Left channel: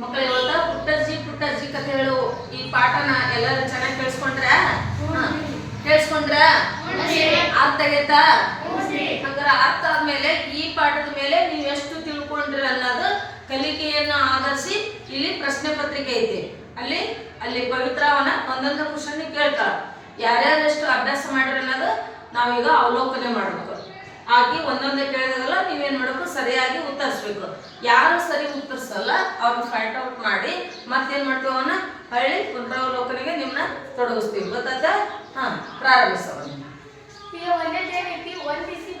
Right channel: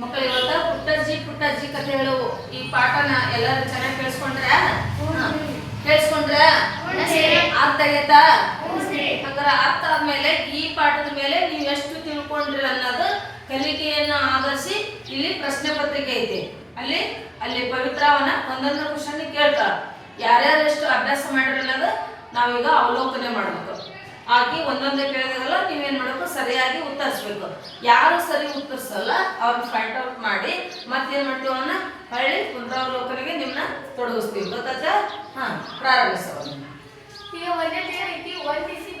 ಮಕ್ಕಳು ಇವತ್ತ ಪುಟ್ಟಜ್ಜಿ ಕಥೆ ಹೇಳು ಈ ಪಾಠನ ಎಲ್ಲರೂ ಚೆನ್ನಾಗಿ ಕೇಳಿಸ್ಕೊಂಡ್ರ ಅರ್ಥ ಆಗೈತಾ? ಹಂಗಾರ ಅರ್ಥ ಆದ್ಮೇಲೆ ಈ ಪಾಠದ ಮೇಲೆ ನೀವು ಎಷ್ಟು ತಿಳ್ಕೊಂಡ್ರಿ ಅನ್ನೋದು ಕಲಿಕೆಯನ್ನು ಆಧರಿಸಿ ಇಲ್ಲಿ ಪ್ರಶ್ನೆ ಪತ್ರಿಕೆ ಐತಿ. ಅಲ್ಲಿ ಪವಿತ್ರವನ್ನ ಒಂದೊಂದು ಕ್ವಶನ್ ಕೇಳ್ತಾರ. ಯಾರ್ಯಾರು ಎಷ್ಟು ಅಭ್ಯಾಸ ಮಾಡ್ರಿ ಅನ್ನೋದು ನಾವೀಗ ಅವಲೋಕನೆ ಮಾಡಬೇಕು. ಆಗಿ ಒಂದೊಂದೇ ಕೇಳಿದಾಗಲ್ಲ ನೀವೇನ್ ಮಾಡಬೇಕು, ಸರಿಯಾಗಿ ಉತ್ತರಿಸ್ಬೇಕು. ಯಾರು ಸರಿ ಉತ್ತರಿಸಲ್ಲ ಅವ್ರನ್ನ ಫೈಂಡ್ ಔಟ್ ಮಾಡಿ ಮತ್ತೇನ್ ಮಾಡ್ತೀವಿ, ಅವನ್ನ ಹಳ್ಳಿ ಪುನರಾವಲೋಕನೆಗೆ ನಿಮ್ಮನ್ನ ತೊಡಗಿಸ್ತೀವಿ. ಗೊತ್ತಾಯ್ತಾ? ಪ್ರಾರಂಭಿಸೋಣ. ಈಗ ಒಂದನೇ ರೀತಿ ಹೊಂದಿಸಿ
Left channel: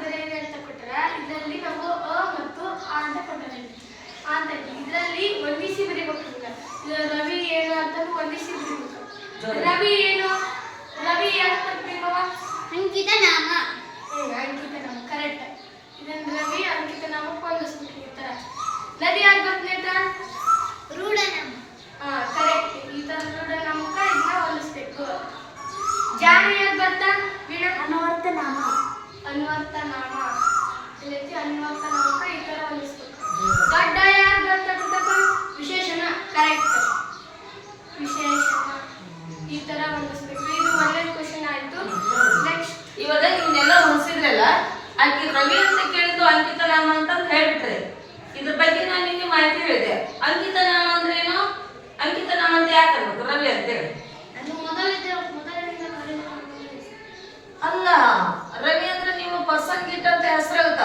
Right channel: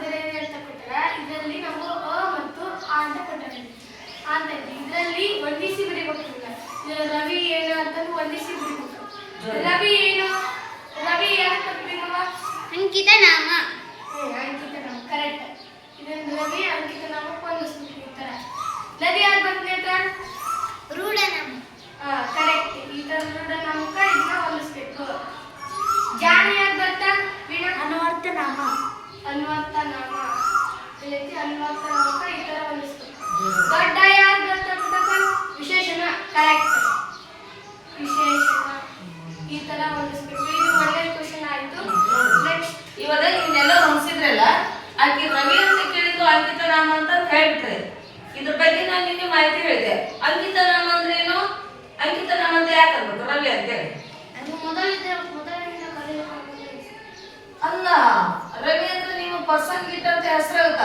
ಬರೆಯಿರಿ ಅಂತ ಕೊಟ್ಟರ ಇದರಲ್ಲಿ ನಾವು ಅ ಮತ್ತು ಆ ಅಂತ ಕೊಟ್ಟರೆ ಅಂತ ಇದರಲ್ಲಿ ಹೊಂದಿಸಿ ಬರೀಬೇಕು. ರವಿ ಏನು ಅಂತ ಹೊಂದಿಸಿ ಬರೀಬೇಕು. ರವಿ ಏನು? ರವಿ ಯಾರು ಕೊಡ್ಬೇಕು? ಅಂಕಿತ ನಾಮ. ಅಂಕಿತ ನಾಮ ಕರೆಕ್ಟ್. ಇದನ್ನು ರವಿ ಅಂಕಿತ ನಾಮ ಹೊಂದಿಸ್ಬೇಕು. ಈ ತರ ನದಿ ಯಾರು ಬಂದ ರೂಢ ನಾಮ. ಕರೆಕ್ಟ್. ಈ ತರ ರೂಢ ನಾಮಕ ಇದನ್ನ ಹೊಂದಿಸ್ಬೇಕು. ಜಾಣ ಯಾರು ಬರ್ತಾ? ಅನ್ವರ್ಥ ನಾಮ. ಅನ್ವರ್ಥ ನಾಮ. ಅನ್ವರ್ಥ ನಾಮಕ ಈ ತರ ಹೊಂದಿಸ್ಬೇಕು. ದೊಡ್ಡ ಯಾರು ಬರ್ತಾ? ವಿಶೇಷಣ. ಕರೆಕ್ಟ್. ವಿಶೇಷಣ ಈ ತರ ಹೊಂದಿಸ್ಬೇಕು. ಇದು ಒಳ್ಳೆ ಕ್ವಶನ್ ಆಯ್ತು. ನೆಕ್ಸ್ಟ್ ಇವಾಗ ಇವನ್ನೆಲ್ಲ ಹೊಂದಿಸಿದ್ರಲ್ಲ, ಆಕೆ ರವಿ ಅಂತ ಕೇಳಿದ್ದು ಅಂಕಿತ ನಾಮ ಅಂತ ಹೇಳ್ಬಿಟ್ರೆ ಇದ್ರ ಬಗ್ಗೆ ನಾನು ನಿಮಗೆ ಮಾಹಿತಿ ಹೇಳಿದೆ. ಅಂಕಿತ ನಾಮ ಅಂದ್ರೆ ಏನು? ಅಂಕಿತ ನಾಮ ಅಂತ ಯಾಕೆ ಅನ್ಬೇಕು ರವಿ ಅಂತೇಳಿ? ಅಲ್ಲ, ರವಿ ಅಂದ್ರೆ ನೀವು ಪರ್ಸನ್ ಗಿಟ್ ಅಂತ ಹೆಸರಾಗುತ್ತ.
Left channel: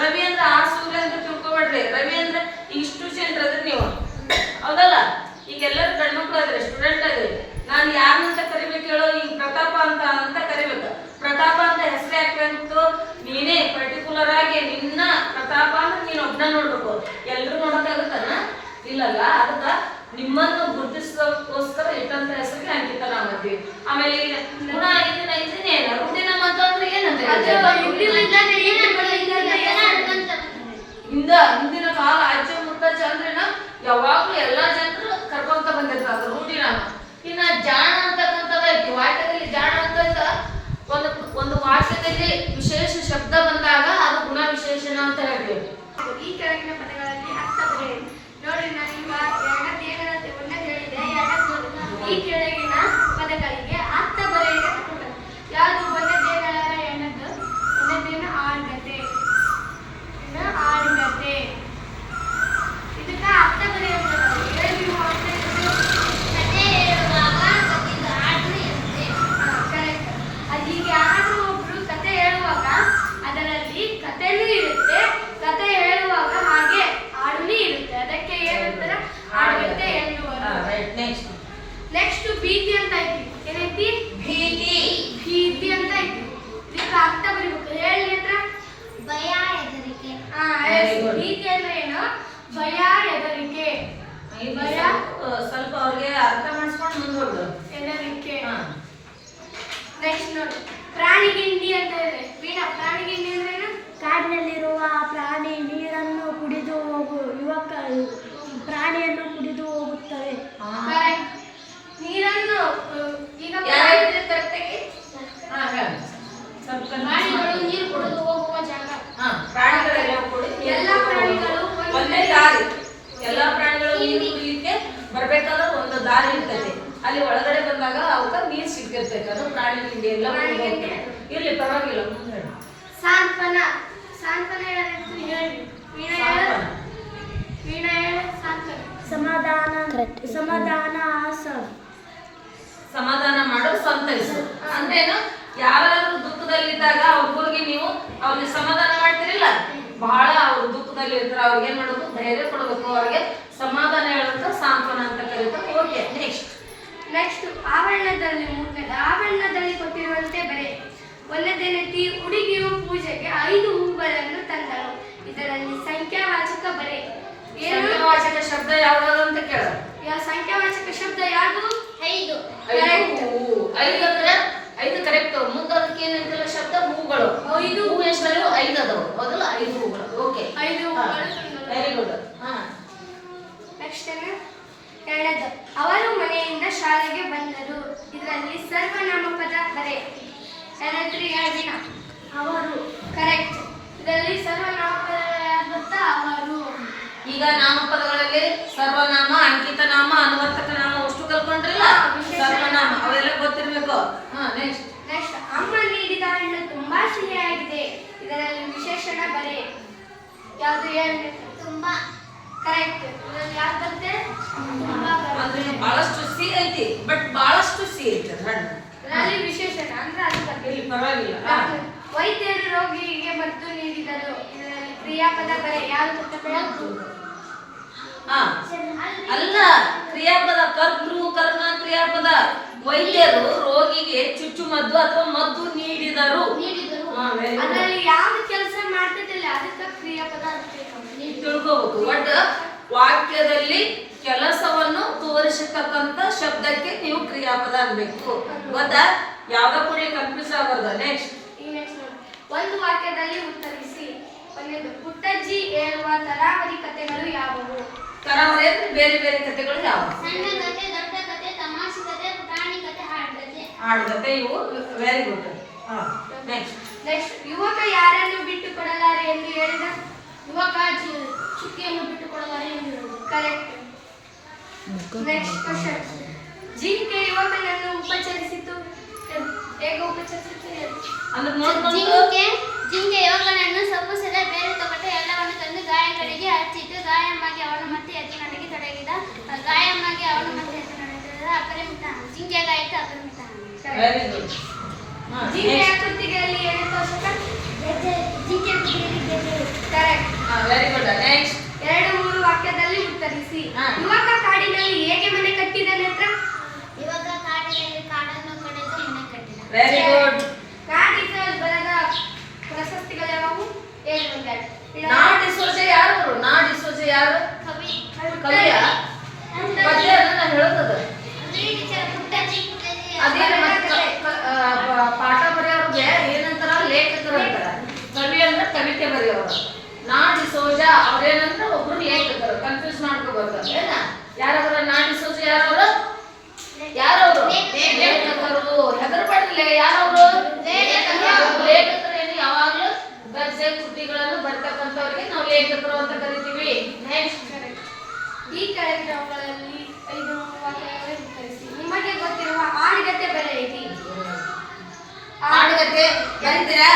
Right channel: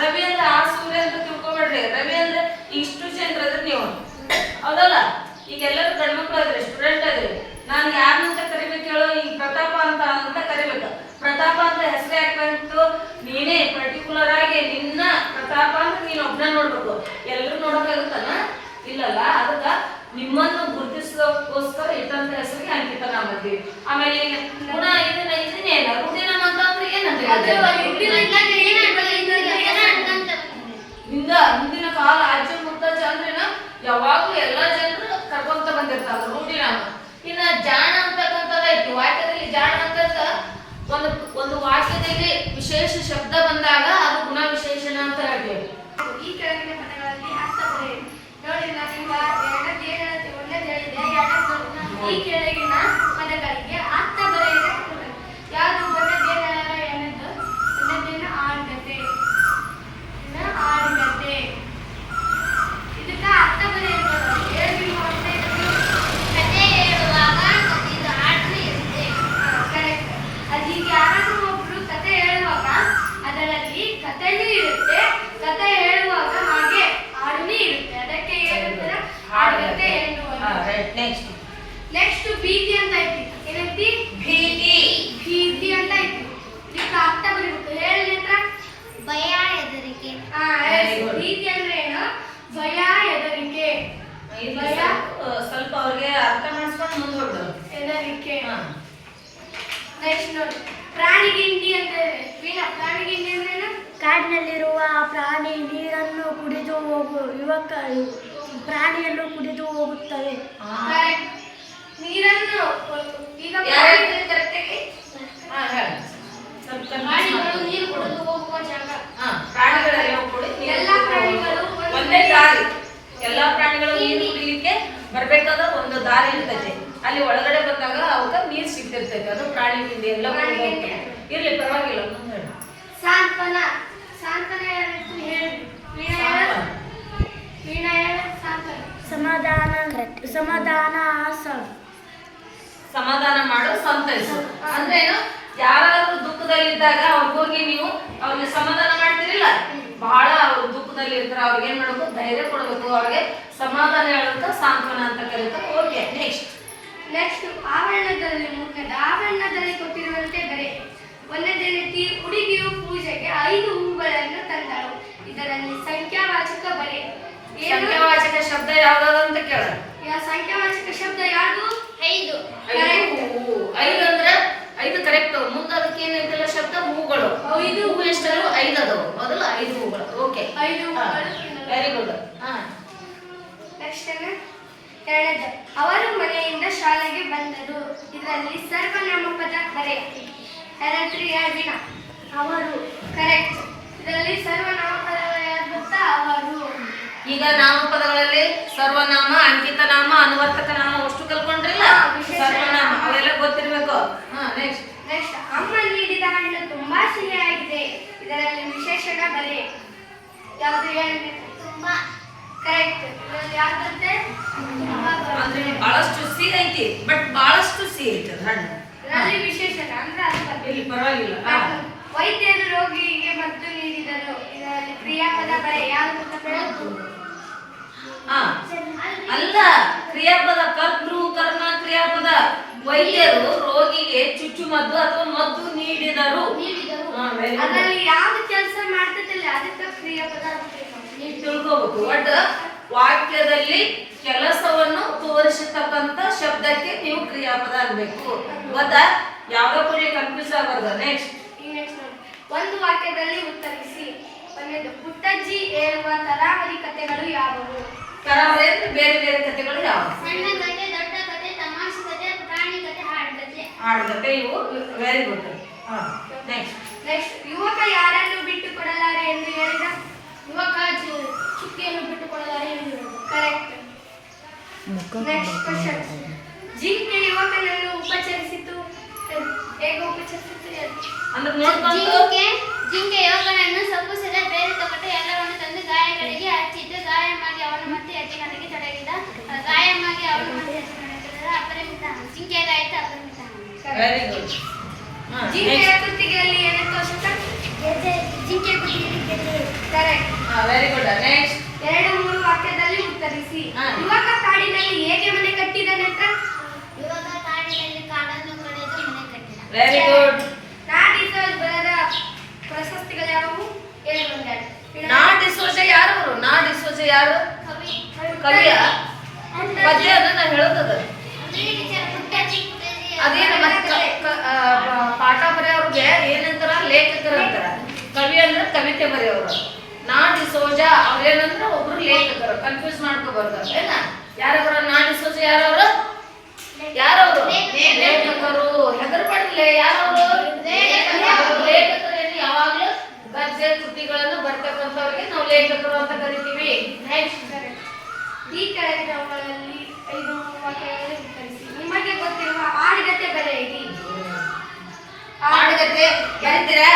ರವಿ ಅಂದ್ರೆ ಆ ಸೂರ್ಯ ಅಂತ ತಿಳ್ಕೊಬೇಡ್ರಿ. ರವಿ ಅಂದ್ರೆ ಇಷ್ಟು ಜನರು ಅದ್ರಿ ನೀವು, ಹೌದಲ್ಲ? ಈಗ ಎಲ್ಲರೂ ಗಂಡ್ಮಕ್ಳು ಅದ್ರಿ, ಸ್ಟೂಡೆಂಟ್ ಅದ್ರಿ. ನಾನು ಯಾರನ್ನಂತ ಕರಿಬೇಕು ಹೇಳೋ? ಈಗ ಪ್ರತಾಪ ಅಂತ ಕರಿಬೇಕು. ಪ್ರತಾಪ ಅಂತ ಹೆಸರು ಯಾಕಂತು? ನೀನೇ ಪರ್ಟಿಕ್ಯುಲರ್ ಆಗಿ ನಿನ್ನ ಪ್ರತಾಪ ಅಂತ ನೀನು ಒಬ್ಬನ ನೋಡ್ಬೇಕು. ಎಲ್ರು ನೋಡಕ್ಕಾಗುತ್ತಾನ? ಇಲ್ಲಲ್ಲ. ಅದಕ್ಕ ನಿಮ್ಮನ್ನು ಗುರುತಿಸೋಕೋಸ್ಕರ ಇಟ್ಟಂತ ಹೆಸರಿಗೆ ಅಂಕಿತ ನಾಮ ಅಂತೀವಿ. ಆಮೇಲೆ ಗುಣ ಇದನ್ನೇನು ರೂಢಿ ನಾಮ ಅಂತಂದ್ರೆ ಏನಂತ ಹಿಂದಿನ ಕಾಲ ಅಜ್ಜ ಮುತ್ತಜ್ಜ ಅಂದ್ರೇನ ಯಾವಾಗ್ಲೂ ಎಲ್ಲಾ ಜನರು ಕರ್ಕೊಂತ ಬಂದಿರ್ತಾರ ರೂಢಿ ನಾಮ. ಇನ್ನ ಜಾಣ ಅಂತಕ್ಕಂಥದ್ದು ಐತಿ. ವಾಕ್ಯದಲ್ಲಿ ಜಾಣ ಅಂತ ಒಂದು ವಾಕ್ಯದಲ್ಲಿ ವಿಶೇಷ ಶಬ್ದ ಬಂದಾಗ ಅದು ಗುಣ ವಿಶೇಷಣ ಅಂತ ಹೇಳ್ತೇವೆ. ಈ ಕೆಳಗಿನ ಪದಗಳಲ್ಲಿ ಅರ್ಥ ಬರೆಯಿರಿ. ನೋಡಿ, ನಾನೀಗ ಒಂದನೇದು ಹೇಳಿದೆ. ಈ ಕೆಳಗಿನ ಪದಗಳಿಗೆ ಅರ್ಥ ಬರೆಯಿರಿ. ಯಾವುದು? ಒಂದನೇದೇನು ಆರ್ಗತೆ. ಇದಕ್ಕ ಅರ್ಥ ಬರೆಯುವಂಥದ್ದು ಹೇಳಿ. ಕತೆ ಹೇಳುವಾಗ ಕಥೆಯ ಹಾಡು ಇರುತ್ತೆ. ಕರೆಕ್ಟ್. ಅದು ಈಗ ಯಾರಾದ್ರೂ ಒಬ್ರು ಕತೆ ಹೇಳುವಾಗ ಅದರಲ್ಲಿ ಕಥೆನೂ ಇರುತ್ತೆ, ಕತೆ ಹೇಳುವಾಗ ಹಾಗೆ ಹಾಡುನೂ ಇರುತ್ತೆ. ಅದಕ್ಕೆ ಏನಂತಾರೆ? ಆರ್ಗತೆ ಎನ್ನುವುದು. ನೆಕ್ಸ್ಟ್ ಭೀತಿ ಅಂತ ಐತಿ. ಏನೈತಿ? ಭೀತಿ ಅಂತ ಐತಿ. ಇದಕ್ಕೆ ಅರ್ಥ ಬರೀಬೇಕು. ಹೇಳಿ ಹತ್ರ. ಭಯ, ಹೆದರಿಕೆ. ಭೀತಿ ಅಂದ್ರೆ ಏನು? ಭಯ, ಹೆದರಿಕೆ. ಭಯ ಸ್ವಲ್ಪ ಅವ್ರಿಗೆ ಅರ್ಥ ಮಾಡಿಸ್ಕೊಂಡು ಮುಂದೋಡು. ಹೆದರಿಕೆ. ನೆಕ್ಸ್ಟ್ ನೋಡಿ, ಪ್ರಾಣಿಗಿಂಡಿ ಅಂತ ಇದೆ. ವೀಣಾ, ಪ್ರಾಣಿಗಿಂಡಿ ಅಂದ್ರೆ ಏನು? ಕಾಡಿನಲ್ಲಿರುವ ಪ್ರಾಣಿ ನೀರನ್ನು ಕುಡಿದು ಪ್ರಾಣಿಯನ್ನು ಕುಡಿದು ಹೋಗುತ್ತವೆ. ನೀರನ್ನು ಈಗ ಪ್ರಾಣಿಗಳು ನೀರು ಕುಡಿದು ಹೋಗುವ ಜಾಗ. ಪ್ರಾಣಿಗಳೆಲ್ಲ ಕೂಡ ಎಲ್ಲ ಪ್ರಾಣಿಗಳು ಒಂದೇ ದಾರಿ. ಎಲ್ಲಾ ಪ್ರಾಣಿಗಳು ನೀರು ಕುಡಿಲಿಕ್ಕೆ ಬರ್ಬೇಕಾದ್ರೆ ಒಂದು ದಾರಿ ಇರ್ತೈತೆ. ಅಲ್ಲಿ ಒಳಗಡೆ ಬಂದಾಗ ಅವಕ್ಕ ನೀರು ಸಿಗ್ತಿರ್ತೈತೆ. ಅದು ಪ್ರಾಣಿ ಬಿಂಡಿ ಎಲ್ಲ ಇರ್ಲಿ, ಪರವಾಗಿಲ್ಲ. ಸಾಂತ್ವನ. ಸಾಂತ್ವನ ಹೇಳಿ. ವೀಣಾ ಹೇಳು. ಸಾಂತ್ವನ. ಸಮಾಧಾನ ಮಾಡು, ಸಂತೈಸು ಅಂದ್ರೆ ಏನು? ಯಾರಾದ್ರೂ ದುಃಖದಲ್ಲಿದ್ದಾಗ ಅವ್ರಿಗೆ ಹೋಗಿ ನೀವು ಅವ್ರಿಗೆ ಸಮಾಧಾನ ಮಾಡ್ತಿರಿಲ್ಲ, ಬಹಳ ಅವ್ರು ದುಃಖದಲ್ಲಿ ಇರ್ತಾರೆ, ಅವ್ರಿಗೆ ಏನ್ ಮಾಡ್ಬೇಕು? ಧೈರ್ಯ ಕೊಡಬೇಕು. ಅವ್ರಿಗೆ ಸಮಾಧಾನ ಹೇಳೋದಕ್ಕೆ ಸಾಂತ್ವನ ಅಂತ ಕರೀತಾರೆ. ಓಕೆ, ನೆಕ್ಸ್ಟ್ ಆವರಣದಲ್ಲಿ ಆವರಣದಲ್ಲಿ ಕೊಟ್ಟಿರುವಂತೆ ಬರೆ. ಒಂದನೇ ರೀತಿ ಹುಡುಗಿಯು ಪೂಜೆಗೆ 5 ಹೂಗಳನ್ನು ತಂದಳು. ಇದರಲ್ಲಿ ಸಂಖ್ಯಾವಾಚಕ ಬರೆ. ಸಂಖ್ಯಾವಾಚಕ ಶಬ್ದ ಯಾವ್ದಾದ್ರು ಅಂತ ಕೇಳ. ಸಂಖ್ಯಾವಾಚಕ ಶಬ್ದ ಯಾವುದು? 5. 5 ಅಂದ್ರೆ 5 ಕರೆಕ್ಟ್. ಮುಂದೆ ಅದಕ್ಕೆ ಏನೈತಲ್ಲ ಶಬ್ದ ಹೂಗಳು. 5 ಹೂ ಎಷ್ಟಲ್ಲ? 5 ಅದಾವು. ಮೊದಲು 5 ಹೂಗಳು. ಓಕೆ, 5 ಹೂಗಳು. Very good. ನೆಕ್ಸ್ಟ್ ಎರಡನೇದು, ಅವರು ಮನೆಯಿಂದ ಶಾಲೆಗೆ ಬಂದರು. ಇದರಲ್ಲಿ ಸರ್ವನಾಮಪದ ಬರೆ. ವೀಣಾ. ಅವರು. ಕರೆಕ್ಟ್. ಇದರಲ್ಲಿ ಸರ್ವನಾಮಪದ ಯಾರು ಗೊತ್ತಾ? ಅವರು. ಈಗ ಈಗ ನಾಮಪದಗಳಲ್ಲಿ ಸರ್ವನಾಮ, ಅಂಕಿತ ನಾಮ, ಅನುವರ್ತಕ ನಾಮ ಅಷ್ಟು ಕಲ್ಕೊಂಡ್ರಿಲ್ಲ. ಸರ್ವನಾಮ ಅವೆಲ್ಲ ಗೊತ್ತಿರ್ಬೇಕು. ನೆಕ್ಸ್ಟ್ ನೆಕ್ಸ್ಟ್ ಅಮ್ಮ ನೀಡಿದ ಹಣ್ಣು ತುಂಬಾ ಸಿಹಿಯಾಗಿದೆ. ಇದರಲ್ಲಿ ವಿಶೇಷಣ ಬರೆ ಯಾವುದು ಹೇಳಿ? ತುಂಬಾ ಕರೆಕ್ಟ್. ಯಾವ್ದಂತೆ? ಅಂದ್ರೆ ಬಹಳಷ್ಟು ಸಿಹಿ ಐತಿ, ಬಟ್ ಬಹಳಷ್ಟು ಸಿಹಿ ಐತಿ ಅದು ಹಣ್ಣು. ಇದರಲ್ಲಿ ವಿಶೇಷಣ ಅಂದ್ರೆ ಅದು ಬರ್ತದೆ. ಇಲ್ಲಿ ಪರವಾಗಿಲ್ಲ. ವೈದ್ಯರು ರೋಗಿಗೆ ಮದ್ದು ನೀಡಿದರು. ಇದರಲ್ಲಿ ಕ್ರಿಯಾಪದ ಬರೆ ಯಾವುದು ಗೊತ್ತೇ? ಅಲ್ಲ, ಕ್ರಿಯಾಪದ ಕರ್ತೃ ಕರ್ಮ ಕ್ರಿಯಾಪದ. ವೈದ್ಯರು ರೋಗಿಗೆ ಚುಚ್ಚುಮದ್ದು ಅಥವಾ ಮದ್ದು ನೀಡಿದರು. ಅದರಲ್ಲಿ ಯಾವ್ದು ಕೆಲಸ ಮಾಡ್ತಿದ್ದಿಲ್ಲ ಅದಕ್ಕೆ ಕ್ರಿಯಾಪದ ತಿಳ್ಕೋಬೇಕು. ಒಟ್ಟು ವಾಕ್ಯದಲ್ಲಿ ಕೆಲಸವನ್ನು ತೋರಿಸತಕ್ಕಂತ ಶಬ್ದಕ್ಕೆ ನೀವು ಕ್ರಿಯಾಪದ ಅನ್ಬೇಕು. ಗೊತ್ತಾ? ಯಾವ್ದೋ ಕೂಡಲೇ ಕನ್ಫ್ಯೂಸ್ ಆಗಬಾರ್ದು. ನೆಕ್ಸ್ಟ್ ಒಂದು ವಾಕ್ಯದಲ್ಲಿ ಉತ್ತರಿಸಿ. ಒಂದನೇದು ಪುಟ್ಟಜ್ಜಿ ಹೇಳುವ ತರಾವರಿ ಕಥೆಗಳು ಯಾವುವು? ತರಾವರಿ ಅಂದ್ರೆ ಬೇರೆ ಬೇರೆ ಕಥೆಗಳು ಯಾವುವು? ಸಣ್ಣ ಕತೆ, ದೊಡ್ಡ ಕತೆ, ತಮಾಷೆ ಕತೆ, ಪುಟಾಣಿ ಕತೆ, ಹಾಡ್ಕತೆ. ಇವು ವೆರಿ ಗುಡ್. ನೆಕ್ಸ್ಟ್ ಯುವಕ ಯಾರನ್ನು ಬಿಟ್ಟು ಕೊಡಲಾರೆ ಎಂದು ಹೇಳಿದ? ಯುವಕ ಚುಕ್ಕಿಯನ್ನು ಬಿಟ್ಟು ಕೊಡಲಾರೆ ಎಂದು ಹೇಳಿದ. ಕರೆಕ್ಟ್. Next question. ಜಿಂಕೆ ಯುವಕನನ್ನು ಉಪಚರಿಸಿತು. ಹೇಗೆ ಉಪಚರಿಸಿತು? ಅಂದ್ರೆ ನೋಡ್ಕೊಂಡು ಜಿಂಕೆ ಯುವಕನನ್ನು ಸೊಪ್ಪು ಸೆರೆ ಬೇರೆ ತೊಗಟೆ ಎಲ್ಲವನ್ನು ತಂದು ಗಾಯಗಳಿಗೆ ಹಚ್ಚಿದ್ದು. ಗಾಯಮಾಗಿ ಅವನು ಮತ್ತೆ ಎತ್ತಿನೊಳಗೆ ತೊಡಗಿದ. ಗಾಯಮಾಗಿ ಅವನು ಮತ್ತೆ ಎತ್ತಿನೊಳಗೆ ತೊಡಗಿದ. ಅಪರಿಮಿತ ಜಿಂಕೆಗಾಯಿತು ಅಪರಿಮಿತ. Very good. ಜಿಂಕೆಯ ಕುತ್ತಿಗೆಯಲ್ಲಿ ಏನೆಂದು ಅವಶ್ಯಕ? ಜಿಂಕೆ ಕುತ್ತಿಗೆಯಲ್ಲಿ ಗೆಜ್ಜೆ. ಕರೆಕ್ಟ್. Very good. ನೆಕ್ಸ್ಟ್ 2-3 ವಾಕ್ಯದಲ್ಲಿ ಉತ್ತರಿಸಿ. ಯುವಕ ಕಾಡಿನಲ್ಲಿ ಹೇಗೆ ಮನೆ ಕಟ್ಟಿದನೆ ಹತ್ರ? ಯುವಕ ಕಾಡಿನಲ್ಲಿ ಕಾಡನ್ನು ಕಡಿದು ಮನೆ ಕಟ್ಟಿದ. Very good. ನಾಡಿಸೋಜ್ ಬರೆದ ಪ್ರಶಸ್ತಿಗಳು ಯಾವುವು? ಹೇಳಿ ಒಂದೆರಡು. ನಾಡಿಸೋಜ ಯಾರು? ನಾಡಿಸೋಜ ಯಾರು? ಕವಿ. ಕವಿಯ ಪದ್ಯ ಅದನ್ನ ಹೇಳೋದದು. ಅದೇನು ಪಾಠ ಬರೆಯೋರ್ಗೆ ಏನಂತಾರ? ಲೇಖಕರು ಅಂತಾರ. ಕವಿ ಅಂದ್ರೆ ಕವಿತೆ ಬರೆಯೋರು. ನಾಡಿಸೋಜ ಅವ್ರೇನಂದ್ರ ಒಬ್ರು ಲೇಖಕರು. ಕನ್ಫ್ಯೂಸ್ ಮಾಡ್ಕೋಬಾರ್ದು. ಏನ ಯಾರವರ ನಾಡಿಸೋಜ ಯಾರವರು? ಯಾರವರು? ಲೇಖಕರು. ಹೆದರ್ಬಾರ್ದಿಲ್ಲ. ಯಾರವರು? ಲೇಖಕರೇನು ಯಾವಾಗ್ಲೂ ಗದ್ಯ ಕೃತಿಗಳನ್ನು ಬರ್ತಕ್ಕಂಥವ್ರಿಗೆ ನಾವು ಲೇಖಕರು ಅಂತ ಕರಿತೀವಿ. ನೆಕ್ಸ್ಟ್ ಈ ಕೆಳಗಿನವುಗಳಲ್ಲಿ 5 ವಾಕ್ಯಗಳಲ್ಲಿ ಉತ್ತರಿಸಿ. ನಿಮಗೆ ಗೊತ್ತಿರುವ ಆಡುಗತೆ ಬರೆಯಿರಿ. ಆಡುಗತೆ ಬರೀತೀರಾ?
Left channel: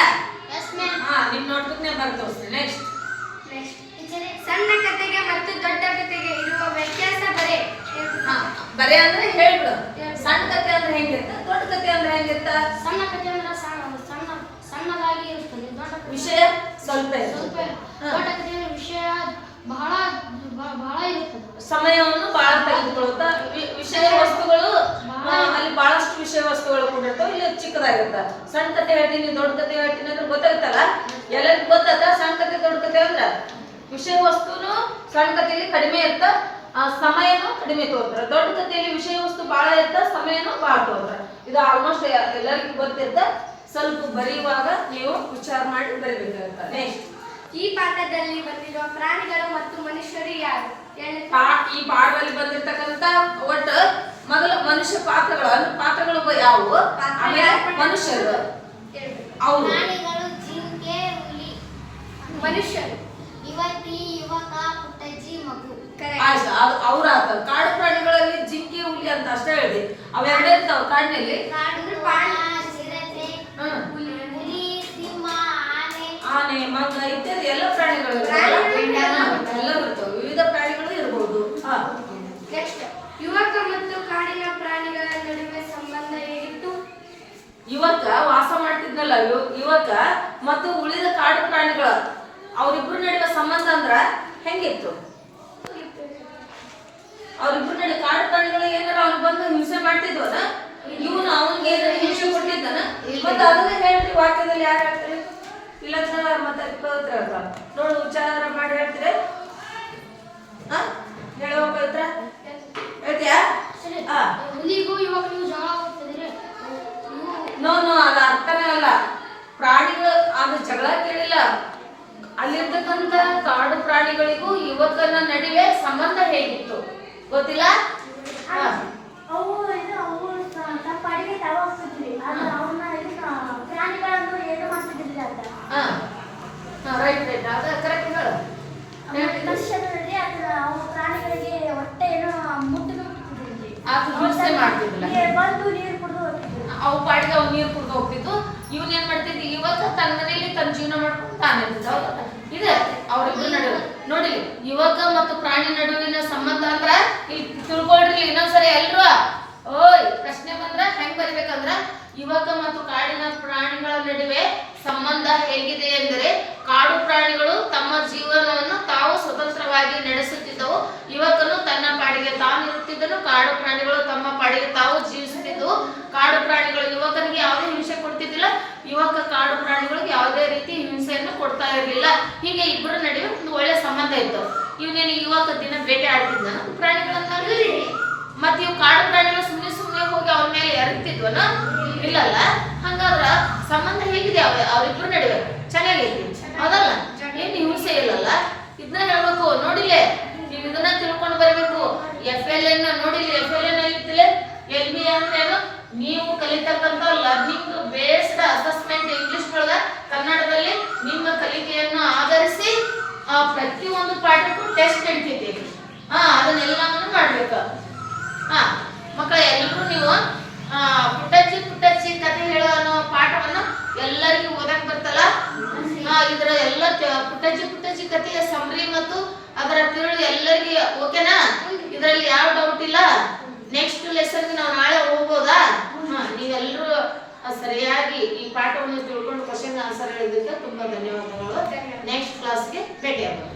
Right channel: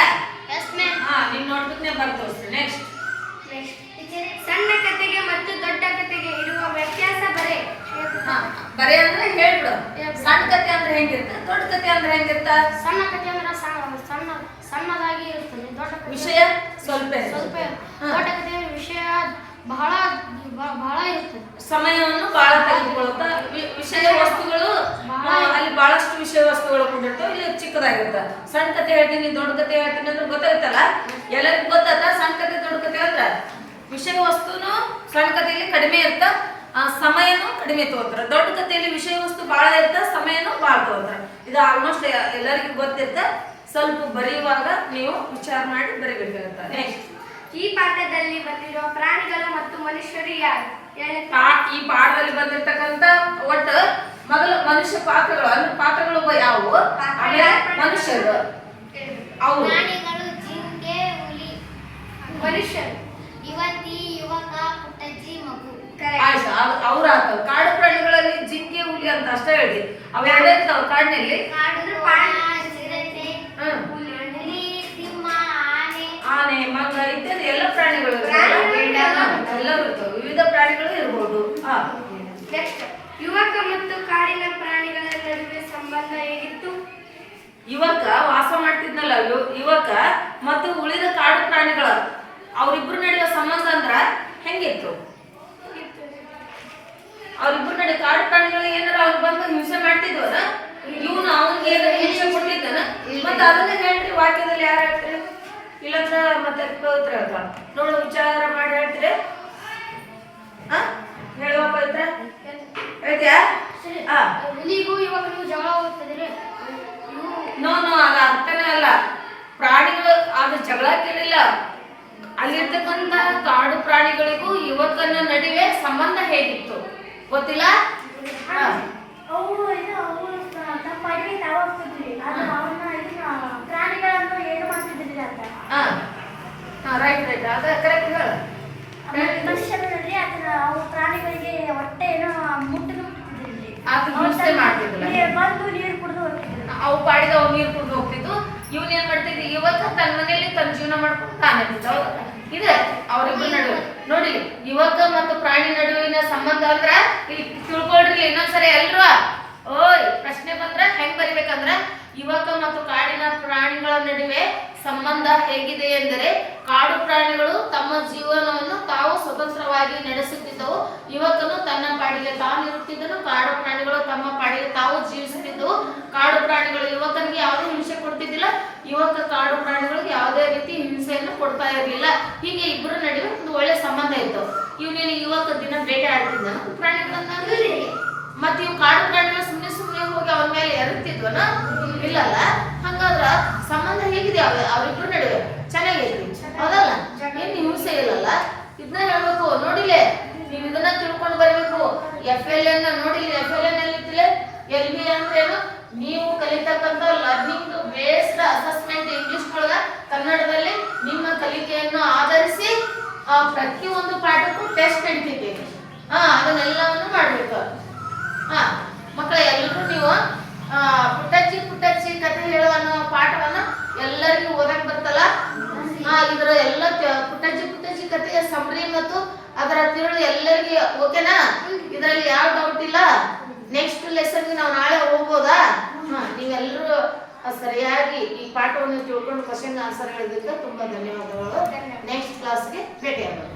Yes, ma'am. ನಿಮ್ ನೋಟ್ಬುಕ್ನೇ ಬರ್ತೋಸ್ರಿ. ನೆಕ್ಸ್ಟ್ ಸಣ್ಣ ಕತೆಗೆ ಮತ್ತು ದೊಡ್ಡ ಕತೆಗೆ ಇರುವ ವ್ಯತ್ಯಾಸ ಬರೆ. ಬರೆ ಅಂದ್ರೆ ಹೇಳ್ಬಿಡು. ಸಣ್ಣ ಕತೆ ಅಂದ್ರೆ ಹೆಂಗಿರ್ತ, ದೊಡ್ಡ ಕತೆ ಅಂದ್ರೆ ಹೆಂಗಿರ್ತ? ಸಣ್ಣ ಕಥೆ ಅಂದ್ರೆ ಸಣ್ಣದಾಗಿ ಇರುತ್ತದೆ. ದೊಡ್ಡ ಕಥೆ ವಿಷಯ ಸ್ವಲ್ಪ ಸ್ವಲ್ಪ. ದೊಡ್ಡ ಕಥೆ ವಿಷಯ ಬಹಳ ಬಹಳ ಇರ್ತದೆ. ಸಮಯವನ್ನು ಬಹಳ ತೆಗೆದುಕೊಳ್ಳುತ್ತಾ. ವಿಷಯ ವಸ್ತುಗಳು ಅಲ್ಲಿ ಬಹಳಷ್ಟು ವಿಷಯ ವಸ್ತುಗಳು ಕೂಡಿರ್ತಾವ. ಇಲ್ಲಿ ಚಿಕ್ಕದಾಗಿರ್ತ. ಸಣ್ಣ ಕತೆ ಹೇಳ್ತೀನಿ, ದೊಡ್ಡ ಕತೆ ಹೇಳ್ತೀನಿ ಅಂದ್ರೆ ಗೊತ್ತಾಗುತ್ತಲ್ಲ. ಎಲ್ಲರಿಗೂ ಗೊತ್ತಾತ ಸಣ್ಣ ಕತೆ ದೊಡ್ಡ ಕತೆ ಅಂದ್ರ. ವಿಷಯ ವಸ್ತುನು ಸಣ್ಣ ಕಥೆಯಲ್ಲಿ ಕಡಿಮೆ ಇರ್ತ, ಸಮಯನೂ ಕಡಿಮೆ ತಗೋತಾರ. ದೊಡ್ಡ ಕಥೆಯಲ್ಲಿ ವಿಷಯ ವಸ್ತು ಬಹಳ ಇರ್ತ, ಸಮಯನೂ ಬಹಳ ತಗೋತಾರ. ಇದು ಆಲ್ಮೋಸ್ಟ್ ಎಲ್ಲರಿಗೂ ಗೊತ್ತಿರ್ತ. ಸ್ವಲ್ಪ ಬರೆಯುವಾಗ ನೀವು ವಿಚಾರ ಮಾಡಿ ಬರಿಬೇಕಾಗುತ್ತೆ. ನೆಕ್ಸ್ಟ್ ಈ ಪಾಠದಲ್ಲಿ ಬಂದಿರುವ ಪ್ರಾಣಿಗಳು ಮತ್ತು ಮನುಷ್ಯರು ಯಾರು? ಈ ಪಾಠದಲ್ಲಿ ಬಂದಿರತಕ್ಕಂತ ಒಟ್ಟು ಮೊದಲು ಮನುಷ್ಯ ಪಾತ್ರಗಳು ಅಂದ್ರೆ ಪಾತ್ರಗಳು ಯಾವುವು? ಆಮೇಲೆ ಮನುಷ್ಯರು. ಅವು ಪ್ರಾಣಿಗಳು ಜಿಂಕೆ, ಹುಲಿ. ಮನುಷ್ಯರು ಯುವತಿ, ಯುವಕ, ಪುಟ್ಟಜ್ಜಿ, ಮಗು. ಆಯ್ತು, ಅವ್ರ ಆಗ್ತಾವ. ಕಾಡು ಪ್ರಾಣಿಗಳಲ್ಲಿ ಜಿಂಕೆ, ಹುಲಿ ಅಂತ ಅಷ್ಟೇ ಹೇಳಿ. ಅವೆರಡೇ ಇರ್ತಾವ ಕಾಡಿನಲ್ಲಿ. ಹುಲಿ, ಸಿಂಹ, ಆನೆ, ಮಂಗ ಇತ್ಯಾದಿ ಎಲ್ಲ ಪ್ರಾಣಿಗಳು ಎಲ್ಲವೂ ಇರ್ತವೆ. ವಿವಿಧ ಪ್ರಾಣಿಗಳು ಇರಬಹುದು. ನೆಕ್ಸ್ಟ್ ಯುವಕ ಮತ್ತು ಕಾಡಿನ ಪ್ರಾಣಿಗಳ ನಡುವೆ ಸಂಬಂಧ ಹೇಗಿತ್ತು? ಯುವಕ ವಾಸ ಮಾಡ್ತಿದ್ನಲ್ಲ, ಯುವಕ ಮತ್ತು ಉಳಿದ ಕಾಡು ಪ್ರಾಣಿಗಳ ಅವ್ರಿಬ್ರು ನಡುವೆ ಸಂಬಂಧ ಅಂದ್ರ ಹೆಂಗಿತ್ತು? ಅವ್ರಿಬ್ರು ನಡುವೆ ಕಾಡು ಪ್ರಾಣಿಗಳು ಏನಾರ ಅವ್ರು ಬಂದು ಹಿಂಸೆ ಮಾಡ್ತಿದ್ವನ? ಇವನು ಅವನಿಗೆ ಏನಾರ ಹಿಂಸೆ ಕೊಟ್ಟಿದ್ದಾನ? ಮತ್ತೆ ಅದನ್ನ ಹೇಳ್ರಿ ವಾಕ್ಯದಲ್ಲಿ ಯಾರು ಹೇಳ್ತೀರಿ? ಇಲ್ಲಂದ್ರ ಮತ್ತೆ ಪವಿತ್ರ ಹೇಳ್ತಾರ. ನೋಡು, ವಿಚಾರ ಮಾಡಿ ಹೇಳ್ತೀರಿ. ಹೇಳುವ ಪವಿತ್ರ ಹೇಳ್ತೀಯಾ? ಹುಲಿಗೂ ಯುವಕನಿಗೂ ಜಗಳ ಹೋಗ್ತದ್ರೆ ನೋ ಅದ ಅರ್ಥನೇ ಅಲ್ಲ. ಪ್ರಾಣಿಗಳು ಅದು ಜಗಳ ಕೇಳಿಲ್ಲ. ಅಲ್ಲಿರ್ತಕ್ಕಂಥ ಕಾಡು ಪ್ರಾಣಿಗಳಿಗೂ ಯುವಕನ ನಡುವೆ ಸಂಬಂಧ ಹೇಗಿತ್ತು ಗೊತ್ತಿಲ್ಲ? ಅವು ತಮ್ಮ ಅಡಿಗೆ ತಾವ ಹೋಗ್ತಿದ್ವಿ. ಆದ್ರೆ ಅವನ್ನ ಪ್ರಾಣಿಗಳನ್ನು ಏನು ಮಾಡ್ತಿದ್ದಿಲ್ಲ ಅಂತ. ರೈಟ್ ಅದ ಕರೆಕ್ಟ್ ಹೇಳು. ಮನುಷ್ಯನಲ್ಲಿ ಅವು ಪ್ರಾಣಿಗಳಿಗೆ ಹೊಟ್ಟೆ ಏನೋ ಮುಟ್ಟಿದ್ರು ಅದು ಹಿಂಸೆ ಮಾಡ್ತಿದ್ದಿಲ್ಲ. ಬಂದು ನೀರು ಕುಡಿದು ಹೋಗ್ತಿದ್ರು. ಅವು ಪಾಡಿಗೆ ಅವು ನೀರು ಕುಡ್ದು ಹೋಗ್ತಿದ್ವು. ಇವನ್ ಏನ್ ಮಾಡ್ತಿದ್ವಿ, ಯುವಕ ತನ್ನ ಮನೆಯಲ್ಲಿ ತನ್ನ ಜೀವನ ಮಾಡ್ಕೊಂಡು ತಾನೇ ಇದೆ ಅವ್ರಿಬ್ರು ನಡುವೆ. ನೋಡಿ, ಯುವಕ ಮತ್ತು ಪ್ರಾಣಿ ನಡುವಿನ ಸಂಬಂಧ ಅಂದ್ರ ಇಲ್ಲಿ ತಿಳ್ಕೊಳ್ರಿ. ಇನ್ನೊಂದ್ಸರಿ ಎಲ್ರು ಓಯ್ ಪ್ರಶ್ನೆ ಬಂದ್ರ ಹೆಂಗ್ ಬರಿಬೇಕಂದ್ರ, ಯುವಕ ಮತ್ತು ಕಾಡಿನ ಪ್ರಾಣಿಗಳ ನಡುವೆ ಸಂಬಂಧ ಹೇಗಿದೆ ಎಂದರೆ, ಕಾಡು ಪ್ರಾಣಿಗಳು ತಮ್ಮ ಜೀವನವನ್ನು ತಾವು ಸ್ವತಂತ್ರವಾಗಿ ನಡೆಸುತ್ತಿದ್ದವು. ಯುವಕನು ತನ್ನ ಪಾಡಿಗೆ ತಾನು ಇರುತ್ತಿದ್ದನು. ಕಾಡು ಪ್ರಾಣಿಗಳು ತಮ್ಮ ಪಾಡಿಗೆ ತಾವು ಜೀವಿಸುತ್ತಿದ್ದವು. ಕಾಡು ಪ್ರಾಣಿಗಳು ಯುವಕನಿಗೆ ಯಾವುದೇ ಹಿಂಸೆ ಕೊಡ್ತಿದ್ದಿಲ್ಲ. ಯುವಕ ಕಾಡು ಪ್ರಾಣಿಗಳಿಗೆ ಯಾವುದೇ ರೀತಿ ಹಿಂಸೆಯನ್ನು ಕೊಡ್ತಾ ಇರಲಿಲ್ಲ. ಹೀಗೆ ಇಬ್ಬರ ನಡುವೆ ಒಂದು ಒಳ್ಳೆ ಸಂಬಂಧ ಇತ್ತು. ಇವನೇನು ಯುವಕ ದಿನ ಬೇಟೆ ಆಡ್ತಿದ್ದ ಪ್ರಾಣಿಗಳನ್ನ, ಮತ್ತೆ ಇವು ಕಾಡು ಪ್ರಾಣಿಗಳು ಸುಮ್ಮನೆ ಹೋಗಿ ಅವನ ಮೇಲೆ ಎರಗ್ತಿದ್ವನ? ಇಲ್ಲಲ್ಲ. ಹಂಗಾದ್ರ ಸಂಬಂಧ ಹೇಗಿದೆ ಅವ್ರಿಬ್ರು ನಡುವೆ? ಚೆನ್ನಾಗೈತಿ, ಹೌದಲ್ಲ? ಏನು ಹಿಂಸೆ ಇಲ್ಲಲ್ಲ. ಇದನ್ನ ಹೇಳ್ಬೇಕು. ನೋಡಿಲೆ, ನೀವು ಇದನ್ನ ತಿಳ್ಕೊಂಡು ಬರಬೇಕು. FLN ನೋಡಿಲಿ. FLN ಎಲ್ಲಿತ್ತಿಲ್ಲ? LB ಅಂದ್ರೇನು? ನೀವು ಕಲಿತಕ್ಕಂಥ ಲರ್ನಿಂಗ್ ಬೇಸ್ಡ್ ಅಸೆಸ್ಮೆಂಟ್ ಇಂಗ್ಲಿಷ್ ಒಳಗ ಕನ್ನಡದಲ್ಲಿ ನಿಮ್ಮ ಕಲಿಕೆಯನ್ನು ಆಧರಿಸಿ ಪ್ರತಿಯೊಂದು ಪಾಠಕ್ಕೂ ಟೆಸ್ಟ್ ನಡೀತೈತಿ. ಅದನ್ನೆಲ್ಲವನ್ನು ಮಾಡ್ಬೇಕು. ಮಕ್ಕಳ ಎಲ್ಲರೂ ನೀವು ಪುಟ್ಟಜ್ಜಿ ಕಥೆ ಹೇಳೋ ಅನ್ನೋ ಪಾಠವನ್ನ ಎಲ್ಲರಿಗೂ ಓದಕ್ ಬರ್ತಲ್ಲ. ಇದರ ಎಲ್ಲ ಪುಟ್ಟಜ್ಜಿ ಕಥೆಯ ಸಮರಿ ಮತ್ತು ಅದರ ತಿರುಳು ಎಲ್ಲರಿಗೆ ಓಕೆನಾ? ಇದರಲ್ಲಿ ಯಾವ ಡೌಟ್ ಇಲ್ಲ. ನೆಕ್ಸ್ಟ್ ಲೆಸನ್ಗೆ ನಾವು ನಾಳೆ ಹೋಗ್ಬೋದಾ? ನೀವೆಲ್ಲರೂ ಸರಿಯಾಗಿ ಈ ಪಾಠವನ್ನು ತಿಳ್ಕೊಂಡು ಕ್ವಶನ್ ಆನ್ಸರ್ ಹೇಳಿದ್ದಕ್ಕೆ ತುಂಬಾ ಧನ್ಯವಾದಗಳು. ನೆಕ್ಸ್ಟ್ ಕ್ಲಾಸ್ಗೆ ಭೇಟಿ ಆಗೋಣ.